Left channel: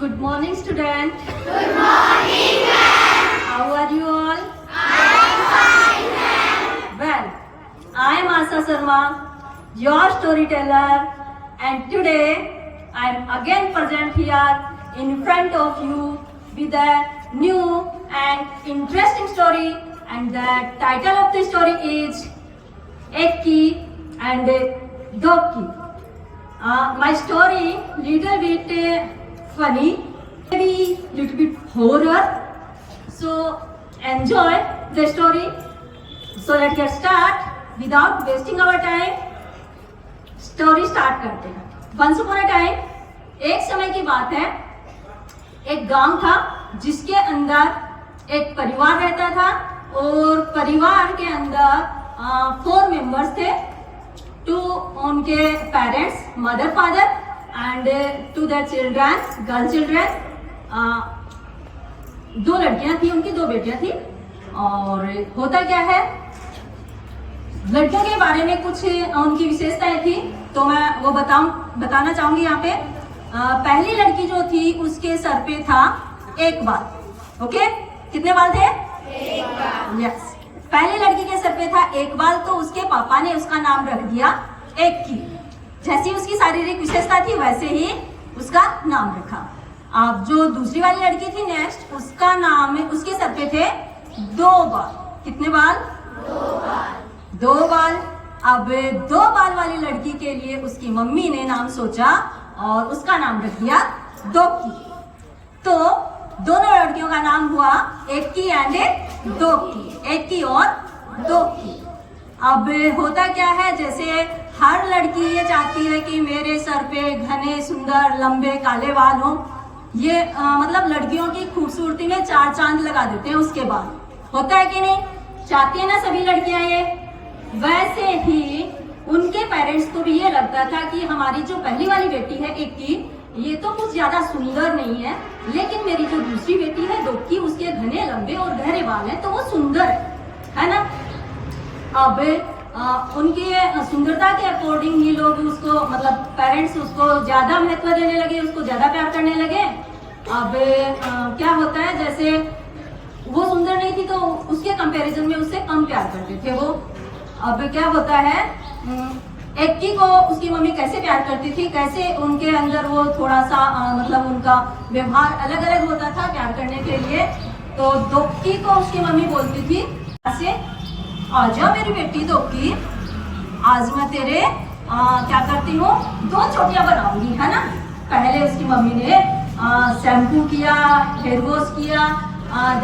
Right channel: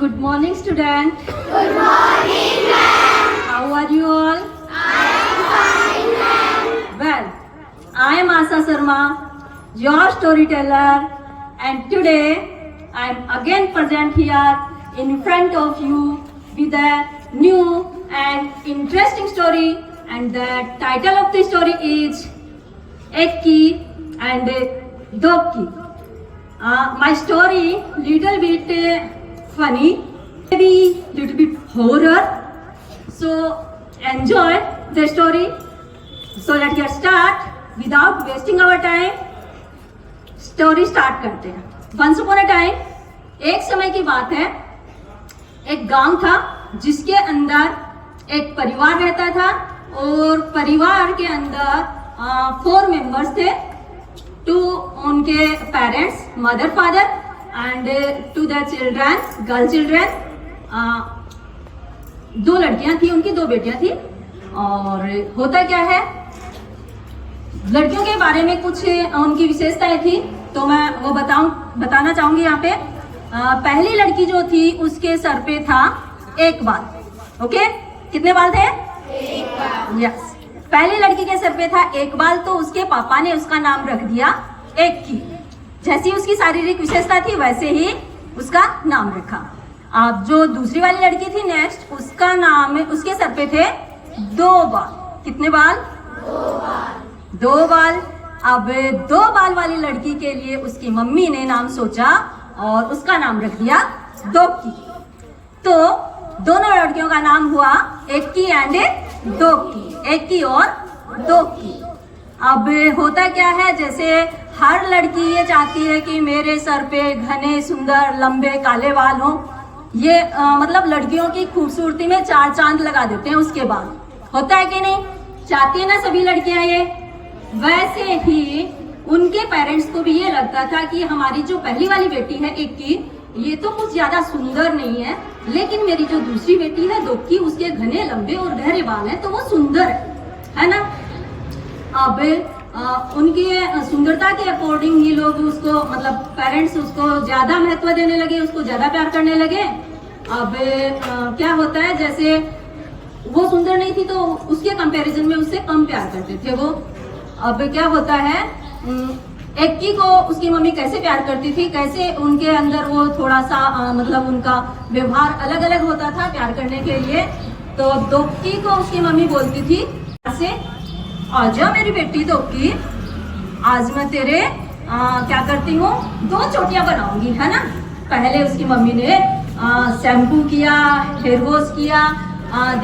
Good morning, student. Good morning, ma'am. How are you all? I am fine, ma'am. Well, I am Asa Sharma, your storyteller, and today I am again present here in front of you with a new and interesting story, and the title of the story is Ek Ki and Dog Ki. My story little bit funny, maybe little bit horror. So enjoy the story. So let's get start without wasting our time. Story start करते हैं. Once upon a time, एक समय की बात है, एक गांव था जिसके अंदर एक परिवार रहता था और परिवार के अंदर 4 मेंबर्स थे. 2 उनके parents, mother father, and 2 their children, girl children. 2 लड़कियां थी उनकी, 2 बेटियां थी. और होता क्या है, लड़कियों के बारे में कुछ उनकी विशेषताएं थी, तो मैं वो बताना चाहूंगी यहाँ पे. पहली लड़की जो थी उसके सर पे था एक बाल. ओके, कितने बाल थे? एक बाल. यस, पहली लड़की के सर पे था एक बाल, तो उसके पापा ने उसका नाम रख दिया एक की. जैसी उसकी शारीरिक विशेषता थी वैसे ही उसका नाम रखा. अब जो दूसरी वाली लड़की थी नेक्स्ट, उसका नाम, उसके सर पे थे 2 बाल. कितने बाल? 2 बाल. अब 2 बाल वाली लड़की के लिए उसकी मम्मी ने नाम सोचा और उसका नाम रख दिया दोकी. तो दोनों लड़कियों का नाम हुआ एक की एंड दोकी. एक की और दोकी. अब होता क्या है, जैसे हर लड़की ये चाहती है कि मेरे सर पे घने सुंदर लंबे काले बाल हो. ये मतलब लड़कियों की खूबसूरती में 4 चांद लगा देते हैं उसके बाद. होता है कि नहीं? चाहती है ना सभी लड़कियां ये. वैसे ही उनके पेरेंट्स को भी ये लगता था कि हमारी जो पहली वाली बेटी है एक की, ये तो कुछ ज्यादा सुंदर नहीं है, लेकिन मेरी जो दूसरी बेटी है दोकी, उसके घने लंबे और गहरे बाल हैं तो वो सुंदर है ना. अब उनकी सुंदरता के अकॉर्डिंग ही लोग उसको, मतलब पेरेंट्स उसको ज्यादा महत्व देने लगे, उसको ज्यादा प्यार करने लगे. अब क्या होता है, जैसे वो सुंदर नहीं थी तो उसके कंपैरिजन में उससे कम प्यार करते थे वो. अब क्या होता है, एक्की को उसकी मम्मी कैसे प्यार करती थी, कैसे उनके अंदर वो थोड़ा सा मतलब उनका व्यवहार अलग अलग होता था प्यार करने के लिए. तो दोकी को उसकी मम्मी बोलती थी ऐसे, आजा मेरी बेटी दोकी, आज मैं तेरे क्या करती हूँ, 2 चोटियां बनाऊंगी, है ना. पहले उसकी मम्मी ने शैम्पू किया, हेयर वॉश किया,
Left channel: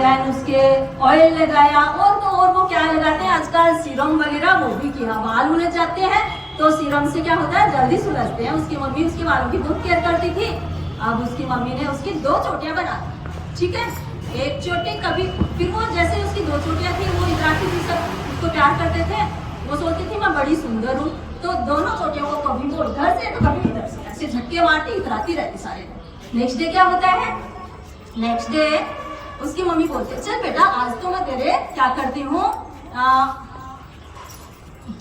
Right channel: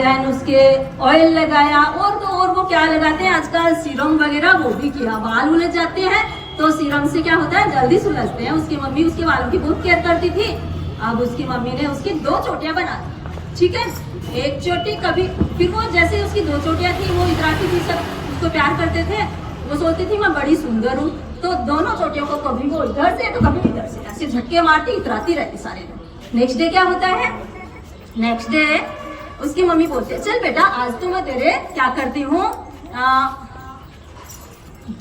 देन उसके ऑयल लगाया, और तो और वो क्या लगाते हैं आजकल, सीरम वगैरह, वो भी किया. बाल उलझ जाते हैं तो सीरम से क्या होता है, जल्दी सुलझते हैं. उसकी मम्मी उसके बालों की बहुत केयर करती थी. अब उसकी मम्मी ने उसकी 2 चोटियां बना दी. ठीक है, एक चोटी कभी, फिर वो जैसे उसकी 2 चोटियां थी वो इतराती थी, सब उसको प्यार करते थे. वो सोचती थी मैं बड़ी सुंदर हूँ, तो दोनों चोटियों को कभी वो इधर से तो कभी इधर से ऐसे झटके मारती, इतराती रहती सारे लोग. नेक्स्ट डे क्या होता है, नेक्स्ट डे उसकी मम्मी बोलती है, चल बेटा आज तो मैं तेरे क्या करती हूँ,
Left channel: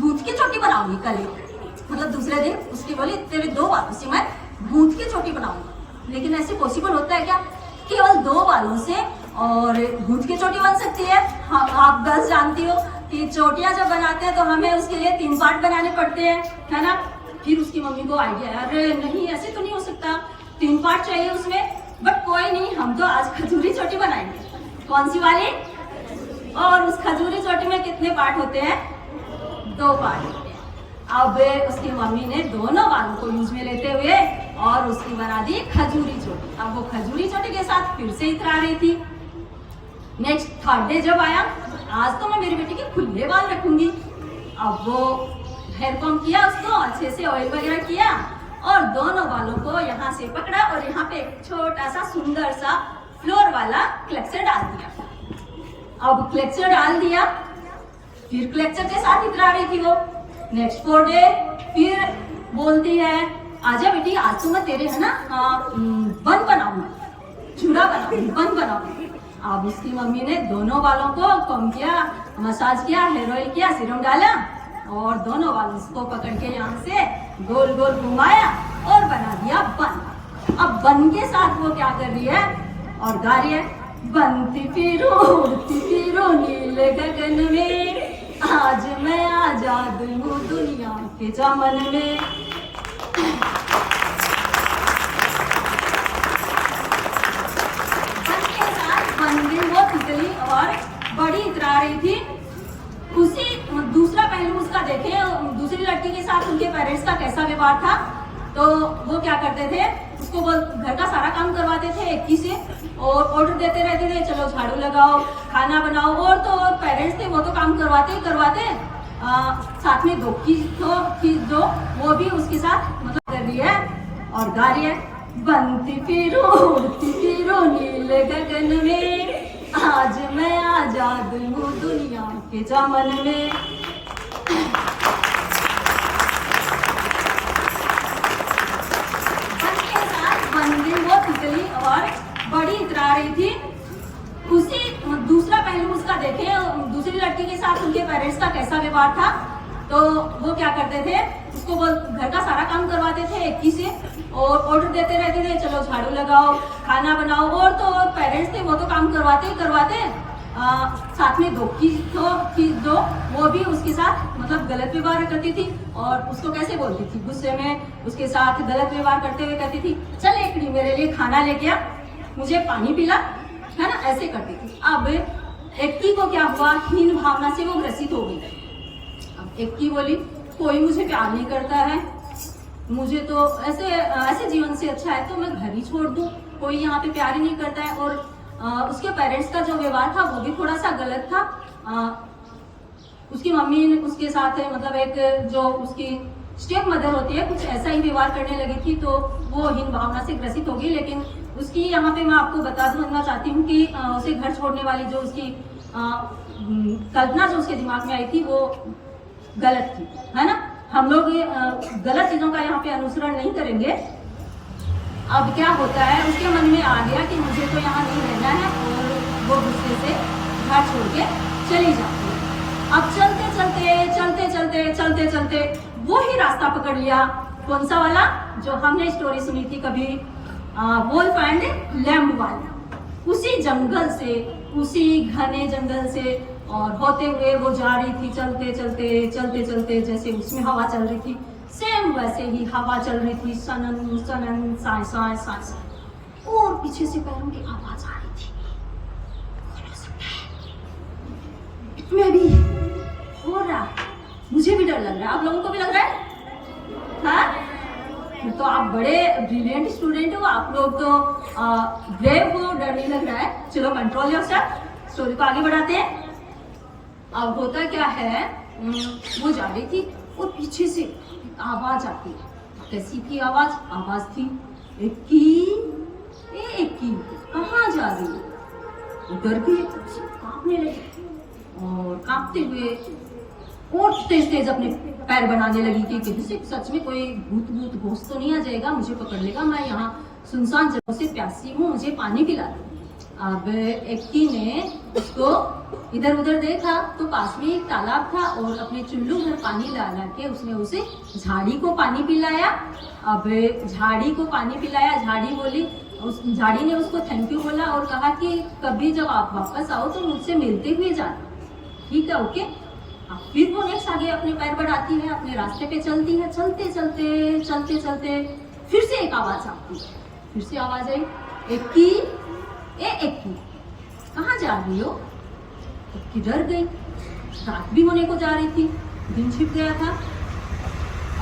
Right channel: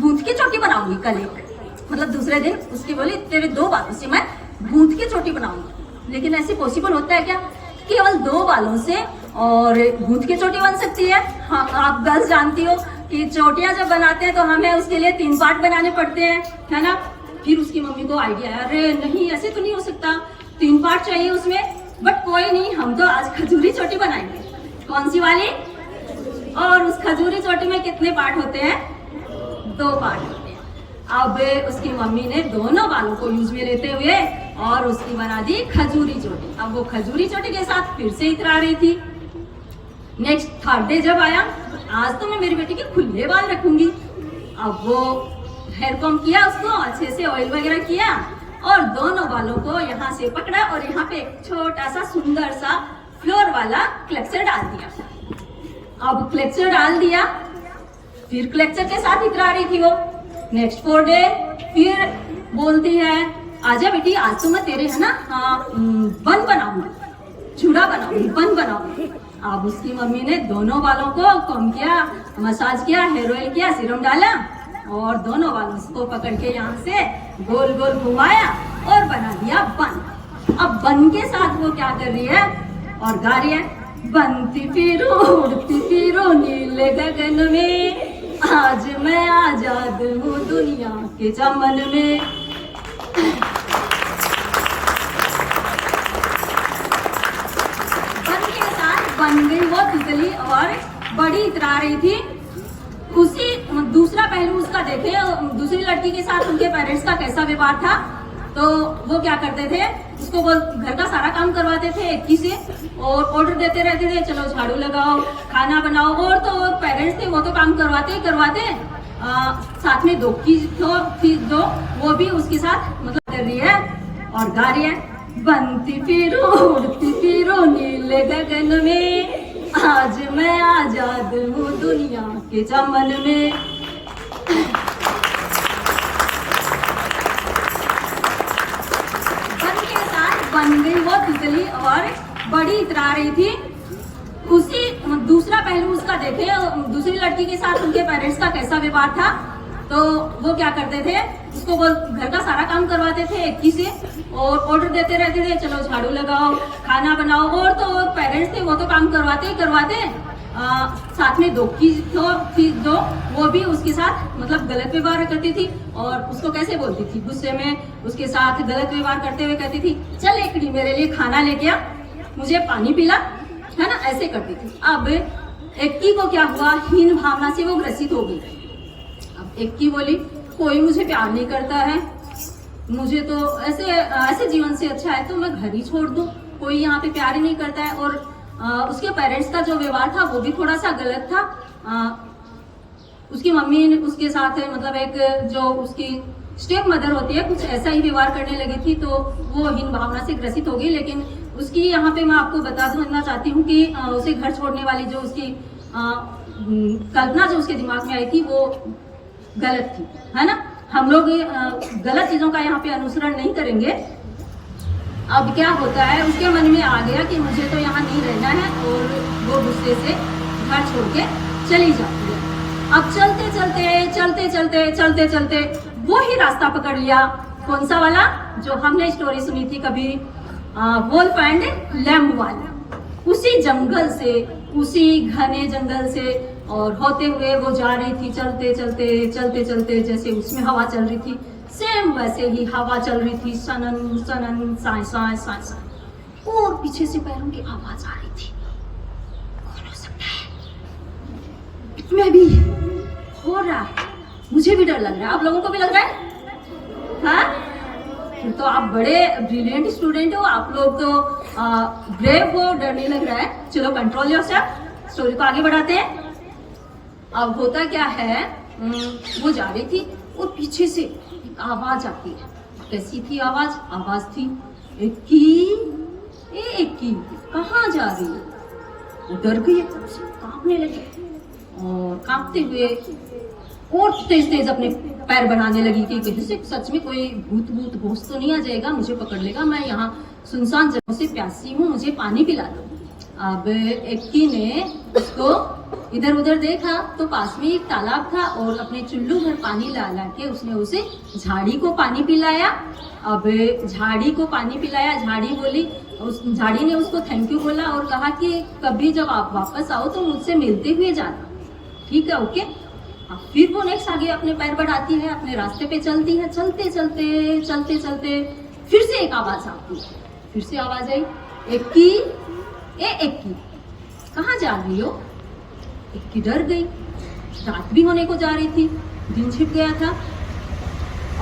भूत की चोटी बनाऊंगी कल एक. मतलब दूसरे दिन उसकी बोली, तेरे 2 बालों से मैं भूत की चोटी बनाऊंगी. लेकिन ऐसे पॉसिबल होता है क्या, केवल 2 बालों से और भूत की चोटी बन सकती है? हाँ, आप गर्ल्स जानती हो कि चोटियां जब बनाते हैं तो हमें उसके लिए 3 पार्ट बनाने पड़ते हैं, है ना. फिर उसकी मम्मी को आइडिया है, अरे नहीं ऐसे तो नहीं हो सकता, 3 पार्ट चाहिए उसमें. बट कोई नहीं, हम तो आज खजूरी चोटी बनाएंगे. कौन सी वाली? और उस खजूरी चोटी में कितने पार्ट होते हैं? 2 पार्ट होते हैं. अब उसकी मम्मी ने दोनों बालों को यूज में लेते हुए और उसकी बना दी खजूरी चोटी. अब वो खजूरी चोटी के साथ फिर से इतरा रही थी. नेक्स्ट 3rd डे जब आया, आज तो मैं मेरी बेटी के खुले बाल रखूंगी. अब वो हेयर कॉम किया, उसको अच्छे से ऑयल वगैरह किया और दोनों बालों को यहाँ से पकड़ा और यहाँ पे एक छोटा सा सुंदर सा फ्लोर वाला क्लेक्चर डाल दिया. अब क्लेक्चर डाल दिया, फिर क्लेक्चर के साथ इतरा रही थी वो. नेक्स्ट 4 डे फिर बोलती है, आजा बेटी आज तो मैं तेरे, है ना, बन बनाऊंगी, चूड़ा बनाऊंगी, बन बनाऊंगी. अब उसकी मम्मी ने दोनों बालों को कॉम किया, मसाज किया, हेयर ऑयल किया, सीरम डाला और दोनों बालों को पकड़ के यहाँ से गोल गोल घुमाया और बना दिया बन. अब बन के साथ वो क्या कर रही है और गा रही है, बनती फिरो उड़ती फिरो नीले गगन में, आज मैं आजाद हूँ दुनिया के चमन में। बन के साथ बन गई वो तितली और बड़ी इतरा रही थी। उसी दूसरा पहलू उसका देखे, दूसरी लड़की के साथ उनके पेरेंट्स का कैसा व्यवहार था। तो वो क्या करते थे, उसको वो घर का सारा काम करवाते थे एक ही से और ऑर्डर देते रहते थे, चलो झाड़ू लगाओ, खाना बनाओ। और तो और पेरेंट्स थे वो तो काम करवाते ही करवाते, साथ में दो चीज दो वो भी उसके साथ मतलब कर रही है और गा रही है, बनती फिरो उड़ती फिरो नीले गगन में, आज मैं आजाद हूँ दुनिया के चमन में। बन के साथ बन गई वो तितली और बड़ी इतरा रही थी। उसी दूसरा पहलू उसका देखे, दूसरी लड़की के साथ उनके पेरेंट्स का कैसा व्यवहार था। तो वो क्या करते थे, उसको वो घर का सारा काम करवाते थे एक ही से और ऑर्डर देते रहते थे, चलो झाड़ू लगाओ, खाना बनाओ। और तो और पेरेंट्स थे वो तो काम करवाते ही करवाते, साथ में दो चीज दो वो भी उसके साथ मतलब गलत व्यवहार करती थी। और उसको कैसे बोलती थी, गुस्से में उसके साथ गलत व्यवहार करते हुए कहती थी, चल एकड़ी मेरे लिए खाना लेके आ, मुझे पानी पिला, है ना, ऐसे करती थी। अब एक्की को क्या हुआ, हीन भावना से वो ग्रसित हो गई। अब एक्की बोली, कोई मुझे प्यार नहीं करता है, मुझे तो ऐसे जीवन से अच्छा है तो मैं घर ही छोड़ दूं, कोई यहाँ पे प्यार ही नहीं करता है। और उसके पेरेंट्स का जो व्यवहार था वो भी थोड़ा सा गलत था। उसकी मम्मी ने उसके साथ मतलब एक जो उसकी स्टेप मदर होती है कुछ ऐसा ही व्यवहार करने लगी थी, तो वो हीन भावना से ग्रसित हो गई। लेकिन उसकी यहाँ पे मैं आपको बताना चाहती हूँ कि उसे घर छोड़ने वाली जो उसकी कल्पना जो उसके दिमाग में आई थी वो गलत थी, है ना। हम लोग गलत चीजों का यहाँ पे अनुसरण नहीं करेंगे। अब क्या होता है, उसके मन में आ गया कि मुझे तो यहाँ नहीं रहना है और वो गुस्से से घर छोड़ के चली जाती है। अब चलते चलते वो ही रास्ता पकड़ लिया, कौन सा वाला जो हमने स्टोरी सुनी थी कभी, वोल्फ एंड लैम्ब वाला। उसी जंगल से, उसी घने जंगल से और होते हुए वो जा रही थी, चलते चलते जैसे उसमें हवा चल रही थी सेम वैसे ही हवा चल रही थी, सनन सनन साय साय साय साय। और पीछे से पैरों की आवाज आ रही थी। कौन हो सकता है, इसमें भी हो रहा है, मुझे भी डर लग रहा है, आप लोगों को भी लग रहा है? हाँ, तो आप बड़े ब्रिलियंट स्टूडेंट हो, आप लोग तो ब्रेव हो, डर नहीं लग रहा है। चलो कंट्रोल योरसेल्फ, स्टोरी को आगे बढ़ाते हैं। अब होता क्या है, वो जा रही थी और पीछे से एक आवाज आती है। कैसी थी आवाज? आवाज थी, एक्की कहाँ जा रही है? वो डर गई, कांपने लगी और कांपते हुए और तेज अपने पैर बढ़ाने लगी कि कहीं से सच में कोई भूत घोष तो नहीं आ जाएगा, मुझे पकड़ लेगा, मैं यहाँ सुनसान जगह से प्यासी हूँ, मुझे पानी पिला दो। अब एक्की ने उसको इधर उधर देखा तो पास में एक तालाब था और अपने चुल्लू भर पानी ला के उसने उसे झाड़ी को पानी पिलाया। अब झाड़ी को पानी पिलाया, झाड़ी बोली, उस झाड़ी ने उसको थैंक यू बोला और कहा कि कभी जब आप वापस आओ तो मुझसे मिलते हुए जाना, ठीक है, ओके। अब फिर वो नेक्स्ट आगे अपने पैर बढ़ाती है, अपने रास्ते पे चलती है, चलते फिर से एक आवाज आती है, फिर से आवाज आई, एक्की एक्की कहाँ जा रही हो? एक्की डर गई, रात भी होने को जा रही थी, दिन छिप गया था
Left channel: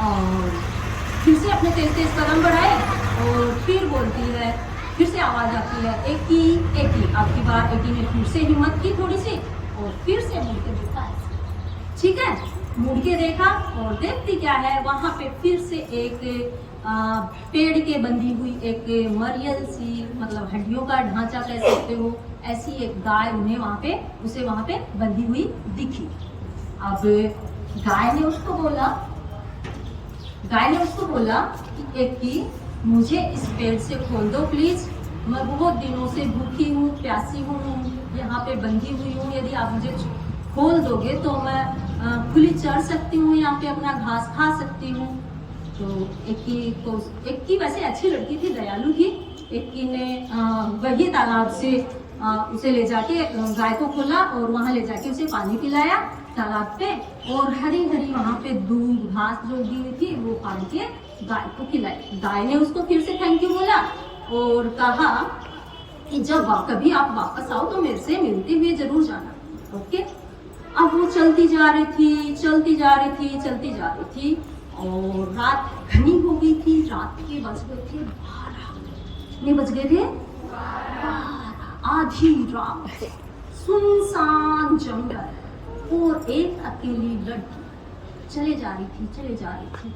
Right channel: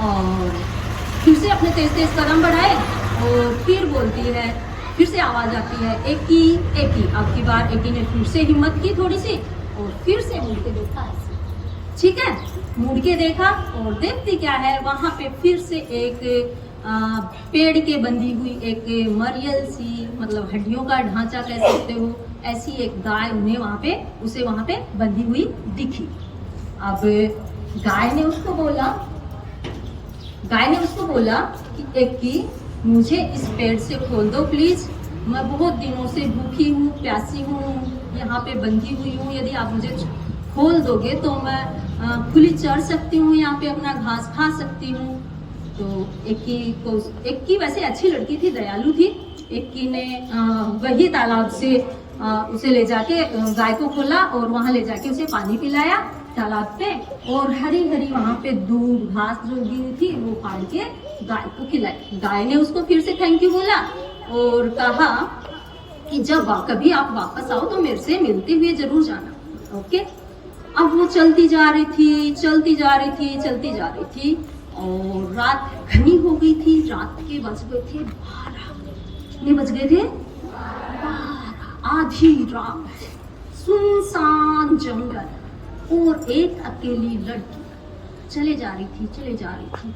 और फिर से अपने तेज कदम बढ़ाए और फिर बोलती है, फिर से आवाज आती है, एक्की एक्की। अब की बार एक्की ने फिर से हिम्मत की थोड़ी सी और फिर से मुड़ के देखा ऐसे, ठीक है, मुड़ के देखा और देखती क्या है, वहां पे फिर से एक पेड़ के बंधी हुई एक मरियल सी, मतलब हड्डियों का ढांचा कह सकते हो, ऐसी एक गाय उन्हें उसे वहां पे बंधी हुई दिखी। अब गाय ने उसको बोला कि एक्की मुझे इस पेड़ से खोल दो प्लीज, मैं बहुत दिनों से भूखी हूँ, प्यासी हूँ, यहाँ पे बंधी हुई हूँ, यदि आप मुझे खोल दोगे तो मैं खुली चढ़ सकती हूँ, यहाँ पे अपना घास खा सकती हूँ। तो एक की वैसे अच्छी लड़की थी, दयालु थी। एक की ने वही तालाब से उसे ले जाके गाय को खोला और वहां ले जाके उसे पानी पिलाया तालाब पे, और हरी हरी वहां पे दूब घास जो उगी हुई थी वो फाड़ के गाय को खिलाई। गाय ने उसको फिर से थैंक यू बोला और कहा कि जब कभी आप वापस आओ तो मेरे से मिलते हुए जरूर जाना, ओके। अब वो चलती जा रही थी, चलती जा रही थी, चलती जा रही थी, और रात घनी हो गई थी। रात के बज गए थे 12। कितने बज गए थे? 12। आधी रात, सुनसान जंगल, और एक अकेली लड़की चले जा रही थी, चले जा रही थी।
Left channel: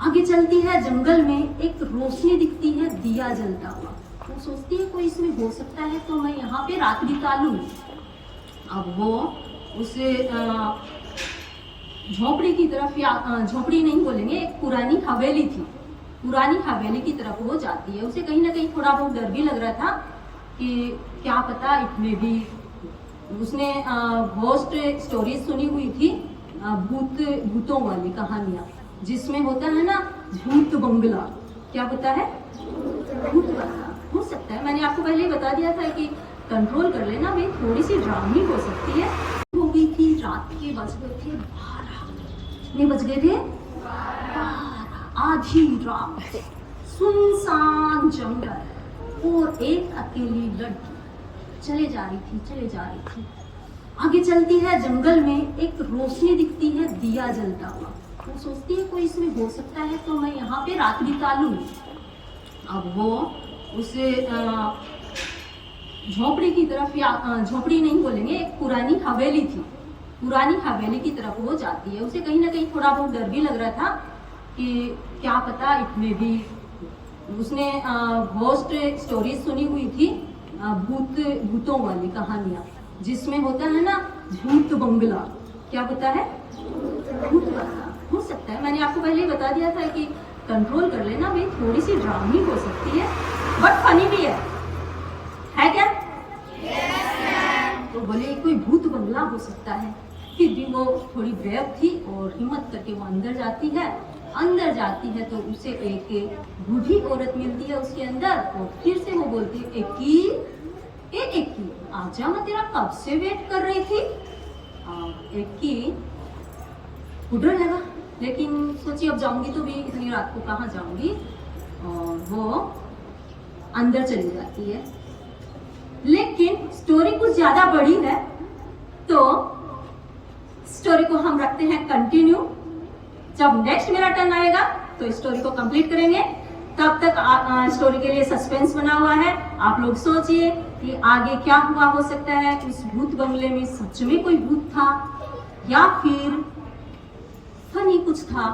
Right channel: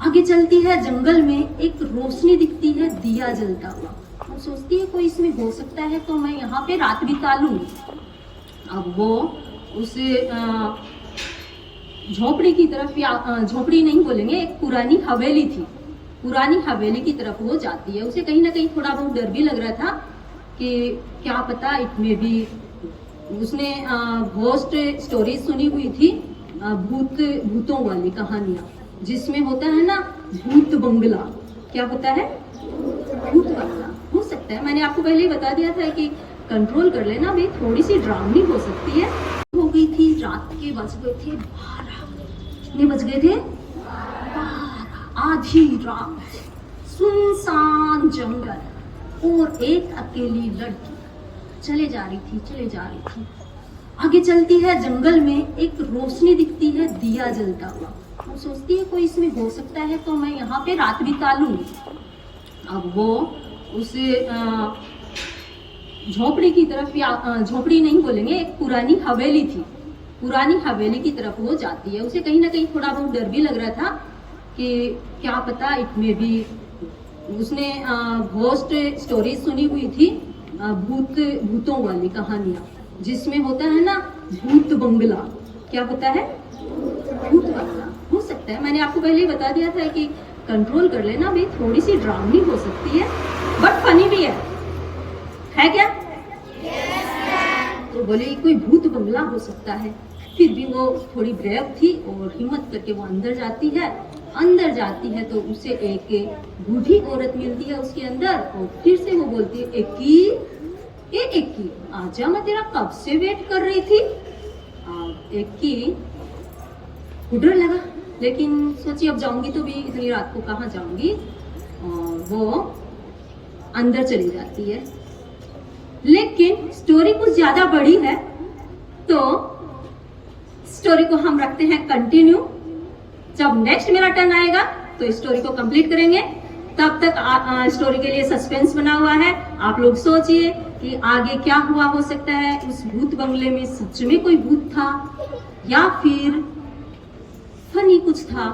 आगे चलती है, जंगल में एक रोशनी दिखती है, दिया जलता हुआ। वो सोचती है कोई इसमें हो सकता है तो मैं यहाँ पे रात बिता लूंगी। अब वो उसे झोपड़ी की तरफ, या झोपड़ी नहीं बोलेंगे, एक पुरानी हवेली थी, पुरानी हवेली की तरफ वो जाती है। उसे कहीं ना कहीं थोड़ा बहुत डर भी लग रहा था कि क्या पता इसमें भी, उसने घोस्ट स्टोरी सुनी हुई थी, भूतों वाली कहानियां, जिसमें होता है ना भूत बंगला। क्या होता है? भूत बंगला। हो सकता है, मैंने आपको पहले ही बता दिया था कि कंट्रोल कर लेना भाई, थोड़ी सी ड्रामनी हो सकती है। हो गई थी, रात के बज गए थे 12। कितने बज गए थे? 12। आधी रात, सुनसान जंगल, और एक अकेली लड़की चले जा रही थी, चले जा रही थी। आगे चलती है, जंगल में एक रोशनी दिखती है, दिया जलता हुआ। वो सोचती है कोई इसमें हो सकता है तो मैं यहाँ पे रात बिता लूंगी। अब वो उसे झोपड़ी की तरफ, या झोपड़ी नहीं बोलेंगे, एक पुरानी हवेली थी, पुरानी हवेली की तरफ वो जाती है। उसे कहीं ना कहीं थोड़ा बहुत डर भी लग रहा था कि क्या पता इसमें भी, उसने घोस्ट स्टोरी सुनी हुई थी, भूतों वाली कहानियां, जिसमें होता है ना भूत बंगला। क्या होता है? भूत बंगला। हो सकता है, मैंने आपको पहले ही बता दिया था कि कंट्रोल कर लेना भाई, थोड़ी सी ड्रामनी हो सकती है, बट फनी भी है क्या? तो बोले कोई भूत बंगला हो सकता है। फिर भी वो थोड़ी ब्रेव थी और हिम्मत करके वो अंदर जाती है। अंदर जाती है तो उसे एक बूढ़ी औरत मिलती है उसके अंदर, और फिर से वो बोलती है एकी आजा, मैं तेरा कब से वेट कर रही थी। एकी को डर लगा, लेकिन सोची अब जाऊंगी तो भी इतनी रात को कहाँ जाऊंगी, और वो अंदर चली जाती है। लेकिन स्टोरी कुछ ज्यादा बड़ी है, तो स्टोरी को हम रखते हैं कंटिन्यू। जब नेक्स्ट मेरा टर्न आएगा तो स्टोरी को कंप्लीट करेंगे। तब तक स्टोरी के लिए सस्पेंस बना हुआ है। आप लोग सोचिए कि आगे क्या हुआ हो सकता है। उस भूत बंगले में सच में कोई भूत था या फिर फनी कुछ था,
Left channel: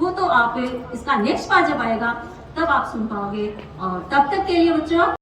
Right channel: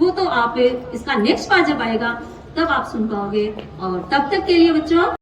वो तो आप इसका नेक्स्ट पार्ट जब आएगा तब आप सुन पाओगे। और तब तक के लिए बच्चों